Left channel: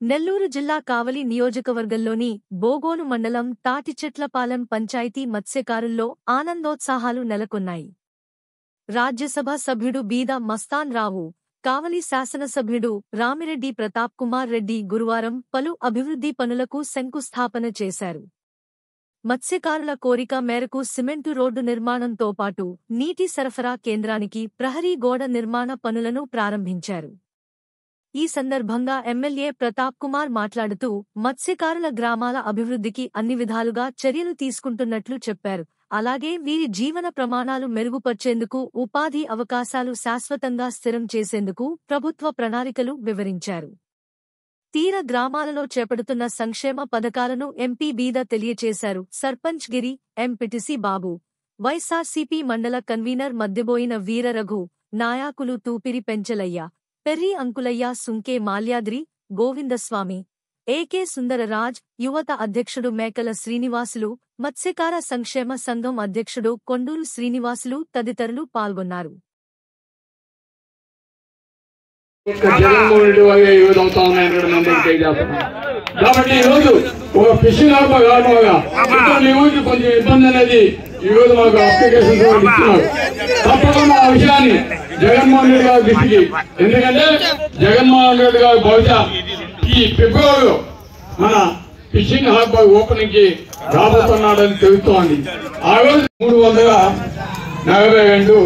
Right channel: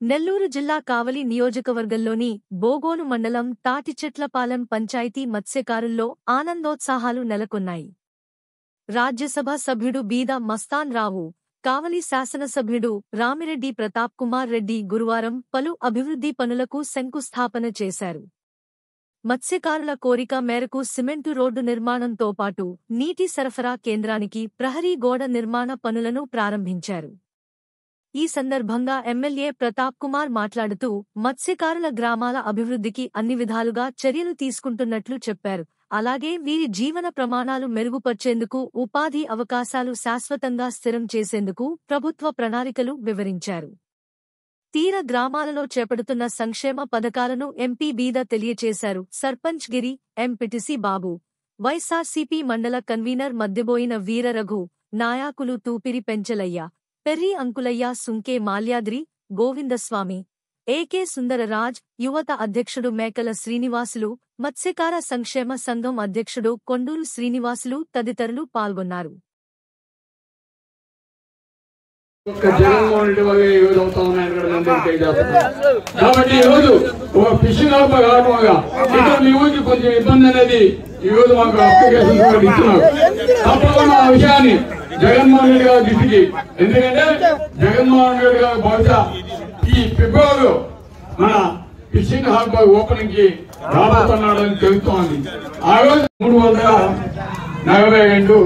నెల్లూరు జిల్లా కావలి నియోజకవర్గంలోని బోగోను మండలం తాటిచెట్లపాలెం పంచాయతీ మత్స్యకారుల్లో ఆనందోత్సాహాలు నెలకొన్నాయి. రాజ్యసభ సభ్యుడు బీద మస్తాన్ రావు, కావలి శాసనసభ్యుడు రామిరెడ్డి ప్రతాప్ కుమార్ రెడ్డి గురువారం పలు అభివృద్ధి పనులకు శంకుస్థాపన చేశారు. మత్స్యకారుల కోరిక మేరకు సిమెంటు రోడ్డు నిర్మాణంతో పాటు నీటి సరఫరా కేంద్రానికి ప్రహరీ గోడ నిర్మాణ పనులను ప్రారంభించారు. ఈ సందర్భంగా ఎమ్మెల్యే ప్రతాప్ కుమార్ మాట్లాడుతూ మత్స్యకారుల గ్రామాల అభివృద్ధికి అన్ని విధాలుగా చర్యలు తీసుకుంటున్నట్లు చెప్పారు. అలాగే వీరి జీవన ప్రమాణాలు మెరుగుపర్చేందుకు ఉపాధి అవకాశాలు శాశ్వతంగా స్థిరం చేసేందుకు ప్రభుత్వ ప్రణాళికలు వివరించారు. తీర గ్రామాలలో చేపడుతున్న సంక్షేమ పథకాలను ఎంపీ బీద తెలియచేశారు. సర్పంచ్ గిరి, ఎంపీటీసీ బాబు, వైఎస్ఆర్సీపీ మండల కన్వీనర్ మద్దెబోయిన వీరరఘు, నాయకులు తూపిరి పెంచలయ్య, పెర్రి అంకులయ్య, సుంకే మాల్యాద్రి, గోవిందస్వామి, ఏకే సుందరరాజ్, యువత అధ్యక్షుడు మేకల శ్రీనివాసులు, మత్స్యకార సంక్షేమ సంఘం అధ్యక్షుడు కొండూరు శ్రీనివాసులు తదితరులు పాల్గొన్నారు. కాబట్టి ఈరోజు ఒక ఫిషింగ్ కారణంగా కొంచెం ఇబ్బంది అనేది ఈరోజు మాకు అప్లికేషన్ ఇస్తున్నారు. తప్పకుండా ఆ విషయాన్ని జగన్మోహన్ రెడ్డి గారి దృష్టికి, ఎందుకంటే జగన్మోహన్ రెడ్డి గారు బహుశా ఈ ఫిబ్రవరిలో మన ఫిషింగ్ హార్బ్ ఓపెనింగ్ కి రాబోతున్నాడని తెలుస్తోంది. ఆ రోజు 342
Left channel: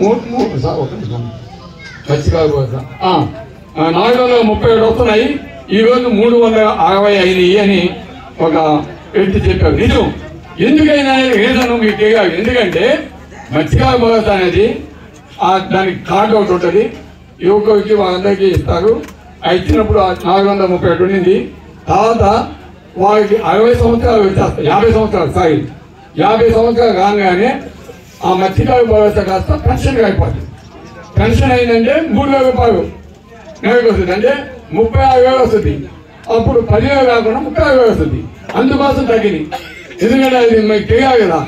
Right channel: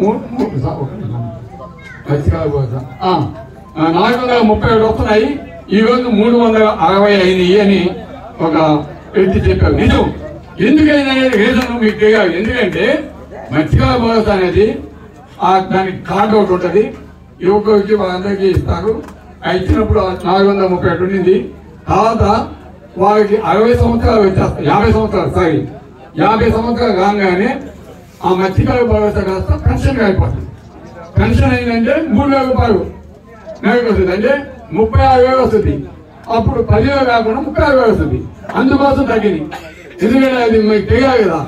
437 వస్తున్నాయి. ఈ రోజు 360 అయినాయి అని ఒక వ్యక్తి చెప్పారు. నిజం. ఎందుకైనా రీజన్ మీకు తెలియాలి. ఎందుకంటే మత్స్యకార భరోసా అనేది దానికి కార్డు ఒకటి ఉంటుంది. యువకులకి వాళ్ళందరికీ ఇస్తారు. ఇచ్చినప్పుడు 437 ఉండింది. తర్వాత వాళ్ళకి 60 సంవత్సరాలు వచ్చేస్తారు. 50 సంవత్సరాలు కాగానే ఆ మత్స్యకార భరోసా కాస్త పెన్షన్ అయిపోతుంది. పెన్షన్ అయిందంటే 3,000 రూపాయలు నెలకు వస్తుంది. అంటే 36,000 వస్తుంది. అప్పుడు 10,000 కాకుండా 36,000 వస్తుంది. అందుకోసం తగ్గింది. ఎందుకంటే అది మీకు తెలియాలి కదా,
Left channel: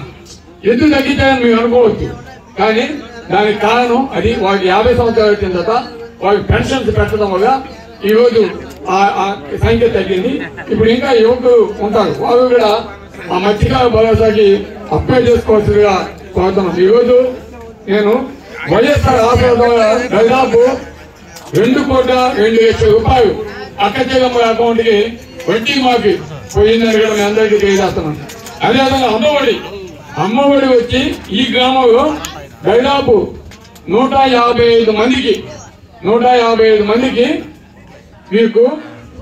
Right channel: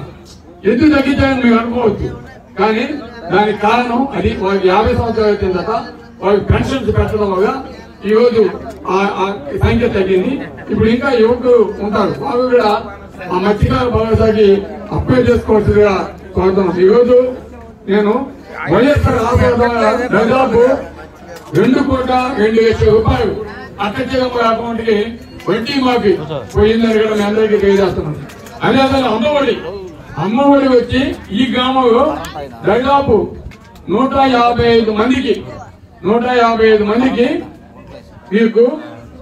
ఎందుకు తగ్గించాలని మేము అనుకోవచ్చు. కానీ దానికి కారణం అది వాళ్ళకి 50 సంవత్సరాలు వచ్చిన తర్వాత వాళ్ళకి పెన్షన్స్ పెట్టడం వల్ల ఈరోజు ఆ సంఖ్య తగ్గింది. ఇప్పుడు ఇంకా యువకులు ఉంటారు, వాళ్ళు కూడా ఆ మత్స్యకార భరోసాకి అప్లై చేసుకోవాల్సిందిగా కోరుతున్నాం. ఈరోజు నేను వైఎస్ఆర్ దాదాపు 2,02,00,000 రూపాయలు అక్కచెల్లెమ్మల అకౌంట్ కి వడ్డీ మాఫీ పోయిందని మీ అందరికీ తెలియజేస్తున్నాం. అదేవిధంగా అమ్మఒడి వచ్చి ఈ గ్రామంలో దాదాపు 155 మందికి మీకు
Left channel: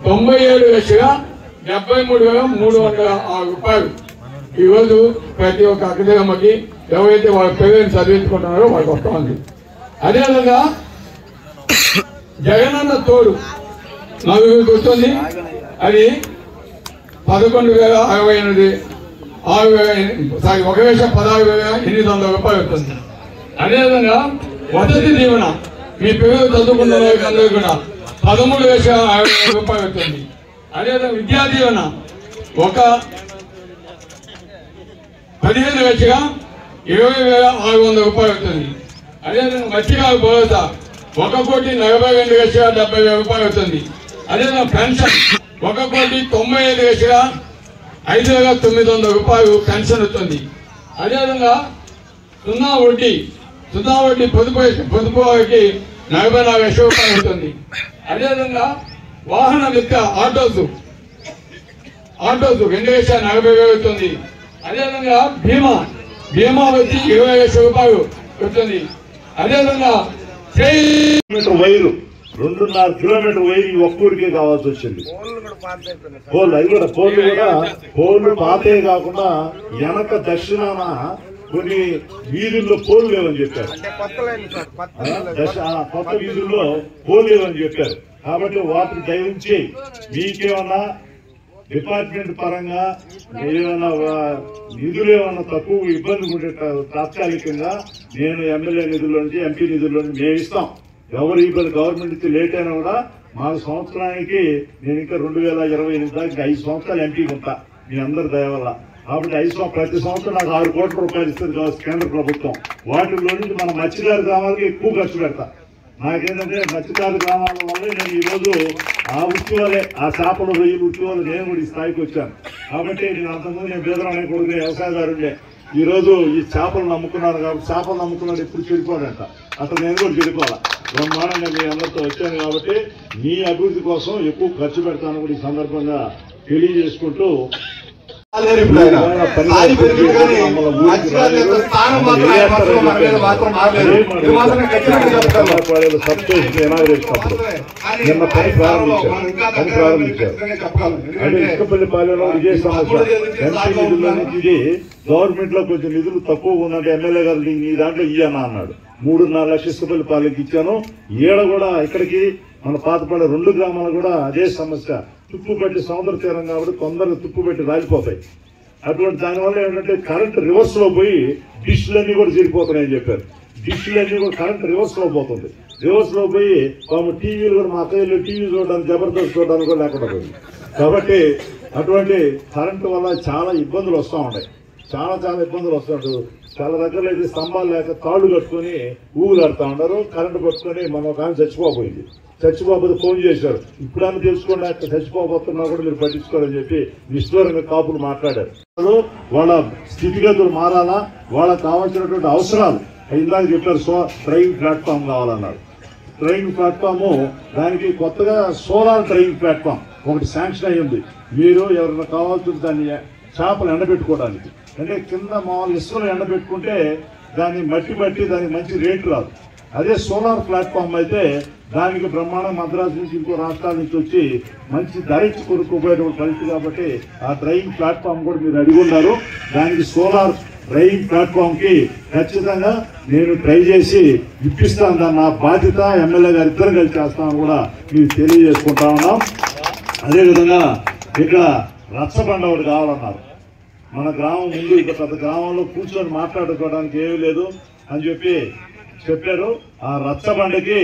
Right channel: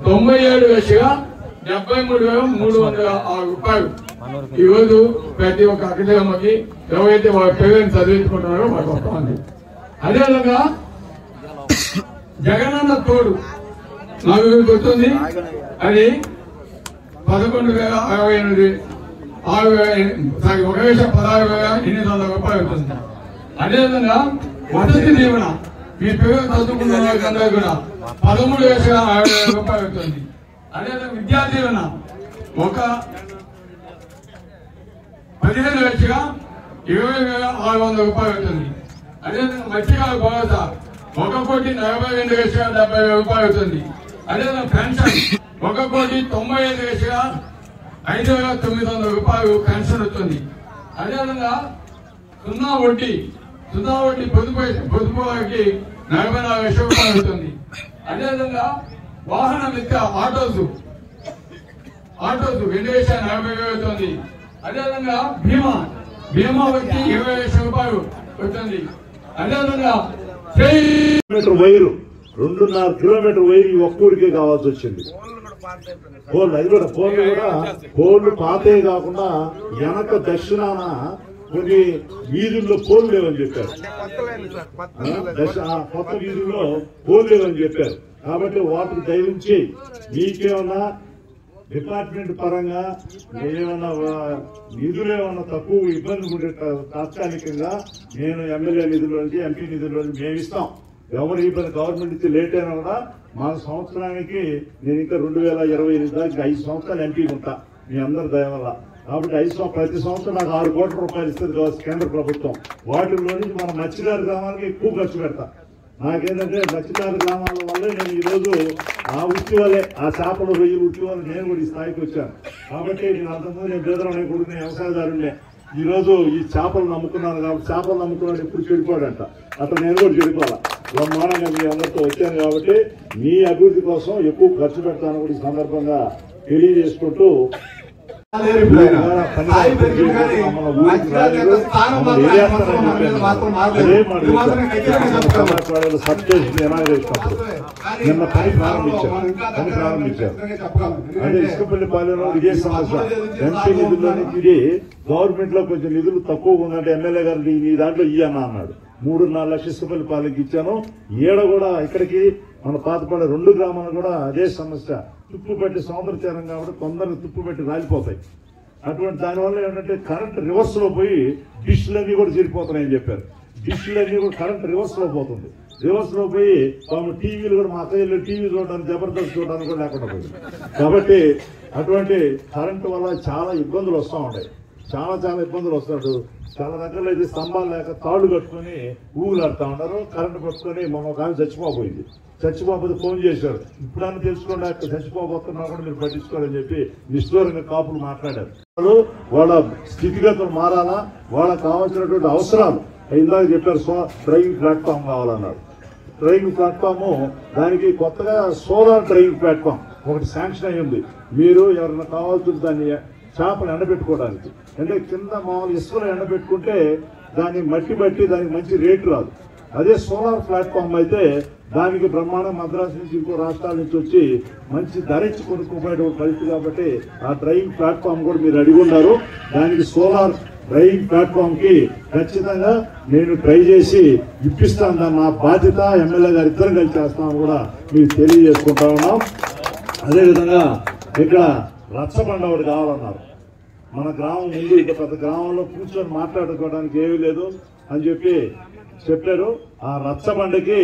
97,73,306 రూపాయలు ఈరోజు ప్రతి ఒక్క అక్కచెల్లమ్మకి ఎవరైతే వాళ్ళ పేరెంట్స్ చదివించుకుంటున్నారో వాళ్ళకి వస్తుంది. అదేవిధంగా జగనన్న తోడు మాకు గుర్తుంది. అది 11,068 1,16,800 రూపాయలు వస్తుంది. అదేవిధంగా వసతి దీవెన మీ పిల్లలు చదువుకున్న వాళ్ళకి అందరూ కూడా 13,050 రూపాయలు వస్తుంది. అదేవిధంగా విద్యా దీవెన ఒక 15,20,600 రూపాయలు వస్తుంది. అదేవిధంగా మత్స్యకార భరోసా 1,42,70,000 రూపాయలు అవుతుంది. అదేవిధంగా పెన్షన్ 1,95,5,900 రూపాయలు పెన్షన్ వస్తుంది. అదేవిధంగా సున్నా వడ్డీ పొదుపు వారికి 44,00,000 రూపాయలు అవుతుంది. అదేవిధంగా వాహన మిత్ర ఆటోస్ 2,40,000 అవుతుంది. అదేవిధంగా బీమా వచ్చి 20,00,000 రూపాయలు వస్తుంది. అదేవిధంగా వైరు 2.5 కిలోమీటర్ వైరు ఒక్కూరికే కావాల్సి వచ్చింది. పోలు పాతే కాకుండా వెనక దక్షిణాన కొన్ని వీధుల్లో పోలు లేవని చెప్పారు. కొత్త వీధుల్లో పోలు లేవని చెప్పారు. కాబట్టి వాటిని దయవించి మీకేమన్నా డిపార్ట్మెంట్ పరంగా ఏమైనా నిధులు ఏమన్నా తక్కువ ఇబ్బంది ఉండే తాత్కాలికంగా నేను ఎమ్మెల్యే నిధుల నుంచి ఎంపీ నిధుల నుంచి మేము ఇస్తాం. ఎవరు ఇబ్బంది గవర్నమెంట్ నుంచి లేట్ అయినా కూడా మాకు సంవత్సరానికి నేను ఇంకా 2028 దాకా 5 సంవత్సరాలు ఎంపీకి ఉంటా మీ అందరి దయవల్ల. కాబట్టి ప్రతి సంవత్సరం నాకు 6 కోట్ల రూపాయలు ఇస్తుంది కేంద్ర ప్రభుత్వం. వాటిలో నుంచి మన మత్స్యకార గ్రామాలకి ఎక్కువ ఖర్చు పెడతా. నాకేంటంటే మత్స్యకారు గ్రామాల వల్లే నేను ఈరోజు ఆ వృత్తి వల్లే ఆ చేపలు రొయ్యి వృత్తి వల్ల నేను కూడా ఈ స్థాయికి వచ్చాను. కాబట్టి నేను అంతకుముందు నేను పేదవాడిని కొడుకునే వ్యవసాయదారుడే. ఈ రోజు ఈ చేపలు నమ్ముకున్నాను కాబట్టి చేపలు నమ్ముకున్నాను ఇప్పుడు చెడిపోడంట. అట్లా నేను కూడా చెడిపోవాలి. బ్రహ్మాండంగా మీ అందరితో వచ్చాను కాబట్టి మీ అభివృద్ధి కోసం ఎక్కువ ఖర్చు పెడతాను కూడా ఈ సందర్భంగా తెలియజేసుకుంటూ నిన్న పని ప్రారంభించారు. అంటే ఇసుకపల్లిపాలెంలో ఇదే సమస్య. ఎంపీ నిధుల్లో నుంచి ఇది గవర్నమెంట్ లో కొంచెం నిధులు తక్కువ ఉందంటే ఎమ్మెల్యే గారు నీ దాంట్లో ఇయ్యానా అన్నాడు. 3.5 లక్షల ఇసుకపల్లిపాలెంకి ఇచ్చాను. ఏడ కూడా ఇక్కడికి మన పాతపడే 2 గ్రామాలు కూడా అదే సమస్య. తుప్పు పెట్టి సముద్ర తీరం కాబట్టి కొందరు తుప్పు పెట్టి రాలిపోతాయి. అటువంటి దానివల్ల ఏంటంటే కరెంట్ రివర్స్ లో పోయి డిష్లన్నీ కూడా చెడిపోతున్నాయని చెప్పారు. డిష్లన్నీ కూడా కరెంట్ రివర్స్ లో పోతుంది. రివర్స్ లో పోయి టీవీలు కూడా మా అత్తయ్యలు టీవీ చూడడానికి జబర్దస్త్ చూడడానికి కూడా లేకుండా పోయింది. కాబట్టి అటువంటి కరెంటు వల్ల చాలా ఇబ్బందులు వస్తూ ఉంటాయి. చాలా ఇబ్బందులు వస్తున్నట్టు చాలా దగ్గర అయితే స్తంభాలు లేక తాడు కట్టుకుని ఊళ్ళు ఆడుతూ ఉంటారు. కరెంటు పట్టుకుని మనం ఒక ఆమె చచ్చిపోయింది. చచ్చిపోతే ఫోన్ చేశారు. ఇప్పుడన్నా తెలుసుకోండి చచ్చిపోతున్నా కూడా మీరు పట్టించుకోవాలని చెప్పి నిష్ఠూరంగా కాపులు మాట్లాడారు. వాళ్ళ స్థితిగతులు మారాలా, వాళ్ళకి కావాల్సినటువంటి అవసరాలు ఇందాక చెప్పారు. ట్రైన్ ప్లాట్ఫామ్ కావాలన్నారు. ట్రైన్ ప్లాట్ఫామ్ దానికి కొత్తగా సోలార్ ట్రైన్ ప్లాట్ఫామ్ ఒకటి శాంక్షన్ అయ్యింది. మీరు ఎవరైనా కావాల్సిన దాన్ని చేపలు ఎండబెట్టుకోవడానికి అంటే కింద మామూలు ఇసుకలు ఎండబెట్టుకుంటే దాన్ని మట్టి దానికి మంచి రేటు రాదు. అదే సోలార్ ప్లాట్ఫామ్ అయితే దానికి బ్రహ్మాండం మద్రాసు నుంచి ఇంకో రాష్ట్రాల నుంచి వచ్చి మంచి ధర ఇచ్చి కొనుక్కోబోయేటువంటి పరిస్థితి. కాబట్టి ఆ ట్రైన్ ప్లాట్ఫామ్ కూడా మీరు అడుగున్నారు. దానికి సోలార్ ట్రైన్ ప్లాట్ఫామ్ కి ఖచ్చితంగా నేను ట్రై చేసి ఇప్పిస్తాను. నా బాధ్యత ఎమ్మెల్యే గారు ఇద్దరు కలిసి చేస్తాను కూడా మీకు తెలియజేసుకుంటా ఉన్నాం. అదేవిధంగా ఇక్కడ రచ్చబండ ఒకటి కావాలన్నారు. మన గ్రామం ముందు ఇక్కడ పెద్ద గ్రామంలో కూర్చొని మాట్లాడుకోవడానికి ఏమీ లేదు అని చెప్పి చెప్పారు. ఆ రచ్చబండకి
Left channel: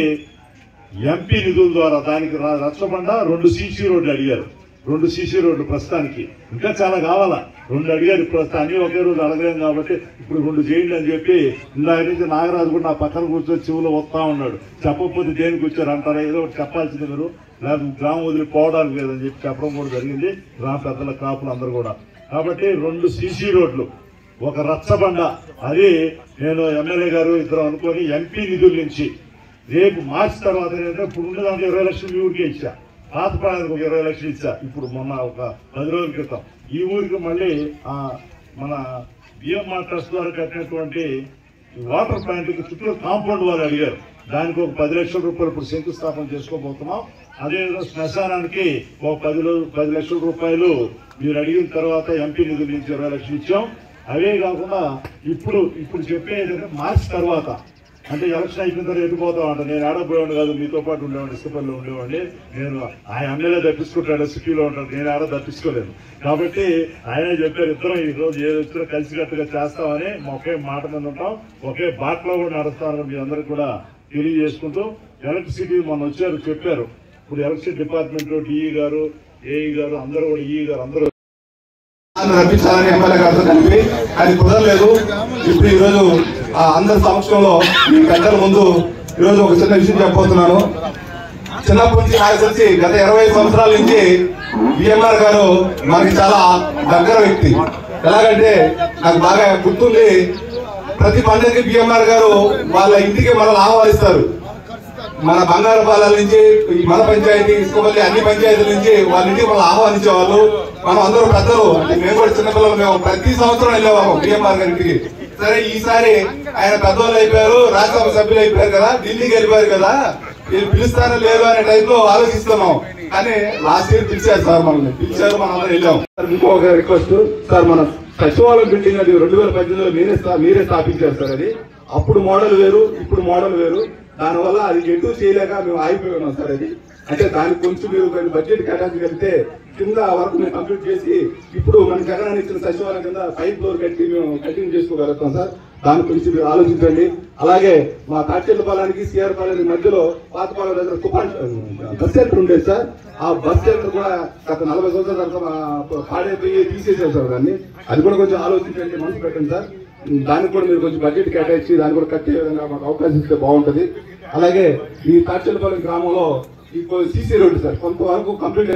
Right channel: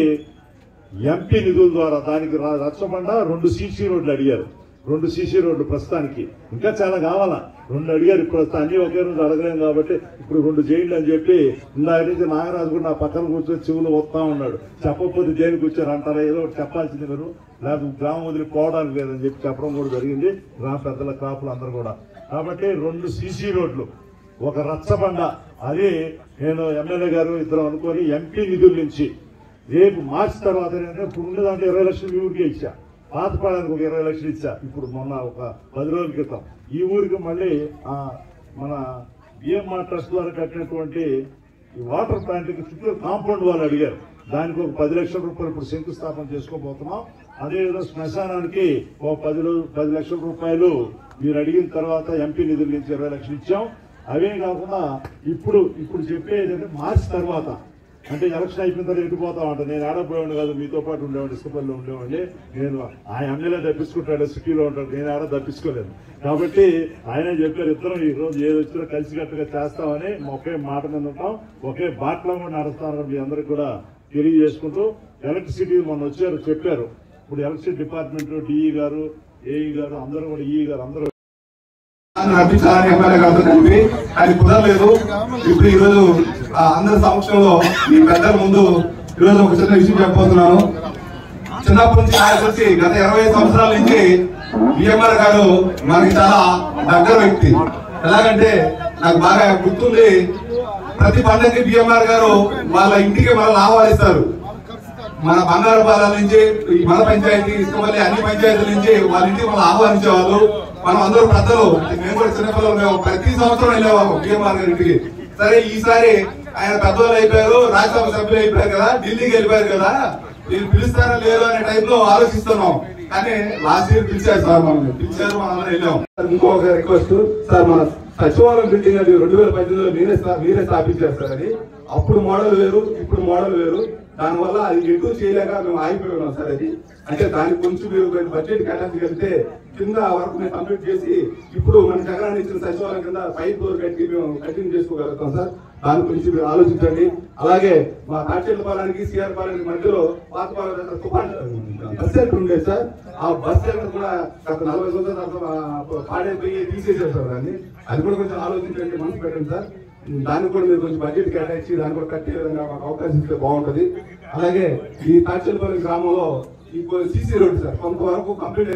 ఎంపీ నిధుల ద్వారా దానికి రచ్చబండ 2 సీసీ రోడ్లు అడిగారు. 2 సీసీ రోడ్లు ప్రస్తుతానికి ఇంకా చాలా కావాలా. 2 అడిగారు. ప్రస్తుతం అన్ని ఒకే రోజు అడగలేం కాబట్టి ఇప్పుడు 2 చేయండి అని చెప్పి ఇందాక నుంచి నాగరాజు కూడా నా పక్కన కూర్చొని చెవులో వస్తా ఉన్నాడు. చెప్పకపోతే దేనికి వచ్చారు అంటారు. ఏదో చెప్పాల్సింది మీరు నాకు గ్రామం వదిలి పోవడానికి లేదని చెప్పి చెప్పడం కూడా జరిగింది. గ్రామ పెద్దల కాపులు అందరూ కూడా. కాబట్టి 2 సీసీ రోడ్లు, ఒక రచ్చబండ, అది నేను ఎమ్మెల్యే గారు ఇద్దరు అనుకొని ఎంపీ నిధుల నుంచి రేపు మార్చి తర్వాత ఏంటంటే ఇప్పుడు ఉండేదానికి 20 లక్షలు ఊరికే ఇచ్చా. పాతపాడానికి ఒక 20 లక్షలు ఇచ్చా. ఇప్పుడు మొన్న ఒక 10 రోజుల క్రితం ఈ ఊరికి మళ్ళీ మన బిఎంఆర్ ట్రస్ట్ ద్వారా కట్టినటువంటి వాటర్ ప్లాంట్ చుట్టూ కాంపౌండ్ వాళ్ళు అడిగారు. దానికి ఒక 10 లక్షల రూపాయలు ఇప్పుడు శంకుస్థాపన చేసుకోబోతున్నాం. అదేవిధంగా శ్మశానానికి ఒక 10 లక్షల రూపాయలు మీరు అడిగిన తర్వాత ఎంపీ నిధుల నుంచి 20 లక్షలు ఇచ్చాం. అవే కాకుండా ఇప్పుడు చెప్పేది మార్చి తర్వాత అంటే ఎలక్షన్ అయిపోయిన తర్వాత ఎటుపోతాం అంట. నేను ఆడపోయాను కాదు, మీతో పాటు ఉండేవాడిని, ఇసుకపల్లిలో ఉండేవాడిని. నేను ఆయన ఎమ్మెల్యే తప్పించుకుంటాడు, సిటీలో ఉంటాడు, నేను ఆడ తప్పించుకోలేను. కాబట్టి ఆయనే చెప్పారు ఇద్దరం ఈ రోజు ఏది వచ్చినా కలిసికట్టుగా చేస్తామని ఒకే మాట మీద ఉంటాం, ఒకే బాటలో కూడా నడుస్తామని మీ అందరికి కూడా తెలియజేసుకుంటూ ఎలక్ట్రిసిటీ మొన్న వచ్చారు చెప్పారు. ఇప్పుడు ఎలక్ట్రిసిటీ డిపార్ట్మెంట్ లో డిఈ గారు, ఏఈ గారు అందరూ కూడా ఈఈ గారు అందరూ రప్పించాలని ఎమ్మెల్యే గారితో కలిపి అది కుదరలేదు. ఇప్పుడు ఈరోజు అందరి సమక్షంలో మీ పెద్దల ముందు ఈరోజు ఒక చిన్న విషయం చెప్పబోతున్నాను. చిన్నప్పటి నుంచి నాకు తెలిసి గత 25 సంవత్సరాల నుంచి బిఎంఆర్ గారు నాకు చాలా దగ్గర వ్యక్తి. ఎలాగంటే నాకు బాగా గుర్తుంది, ప్రతి పండుగకి బిఎంఆర్ గారు వాళ్ళ ఇంటికి మనల్ని ఆహ్వానిస్తారు. మన బంగారుపాలెం నుంచి మన పంచాయతీ ఇసుకపల్లి అన్ని పంచాయతీల నుంచి వాళ్ళ ఇంటికి మనం ఆహ్వానించేవాళ్ళు. మనం అందరూ పెద్దలు, మేము కూడా చిన్నపిల్లలు, మేము ప్రతి సంవత్సరం వెళ్ళేవాళ్ళం బిఎంఆర్ గారి ఇంటికి. సరే ఈసారి ఆయన పెద్దవాళ్ళు అయిపోయారు, రాజ్యసభ సభ్యులు అయిపోయారు కదా, ఢిల్లీకి వెళ్ళిపోయారు కదా, వీళ్ళు పిలుస్తారో లేదు అనే టైప్ లో ఆలోచిస్తున్నాం. కానీ లాస్ట్ ఇయర్ పిలిచారు సార్, మనల్ని పిలిచారు, మనం అందరం వెళ్ళాం. ఇంకొక రిక్వెస్ట్ సార్, మన సచివాలయం బిల్డింగ్ అది 2018లో మీరే స్థాపించారు సార్. అది అప్పుడు మోడల్ వేరు, ఇప్పుడు మోడల్ వేరు. దానివల్ల అది ఎటు చేయలేక మేము ఆగిపోయి ఉన్నాం సార్. అది అంటే దానికి కొంచెం మీరు బడ్జెట్ కేటాయించగలిగితే కింద వర్క్ మేము కంప్లీట్ చేసి ఇప్పుడు మన జగన్ ఇచ్చిన సచివాలయం కింద 5 ఫ్లోర్ పెట్టి మేము కంటిన్యూ చేసుకోగలుగుతాం సార్. దాని గురించి మీరు ఆలోచించండి. అలాగే మా కాచేళ్ళపాలెనికి సిఆర్ పాలెనికి మధ్యలో పాతపాలెం బస్ సెంటర్ ఉండేది సార్. ఆ బస్ సెంటర్ కూడా గత 40 సంవత్సరాల పాడైపోయి తీసేసారు సార్. దాన్ని అది కూడా కొంచెం ఆలోచించండి, మనసు పెట్టండి సార్. దానికి కూడా మీరు కొంచెం బడ్జెట్ కేటాయించి దాన్ని కూడా కట్టే విధంగా అవకాశం ఇస్తే బాగుంటుంది. అలాగే ఈ తాటిచెట్లపల్లి గ్రామంలో ఈ సీసీ రోడ్డు సార్ కొంతవరకు కంప్లీట్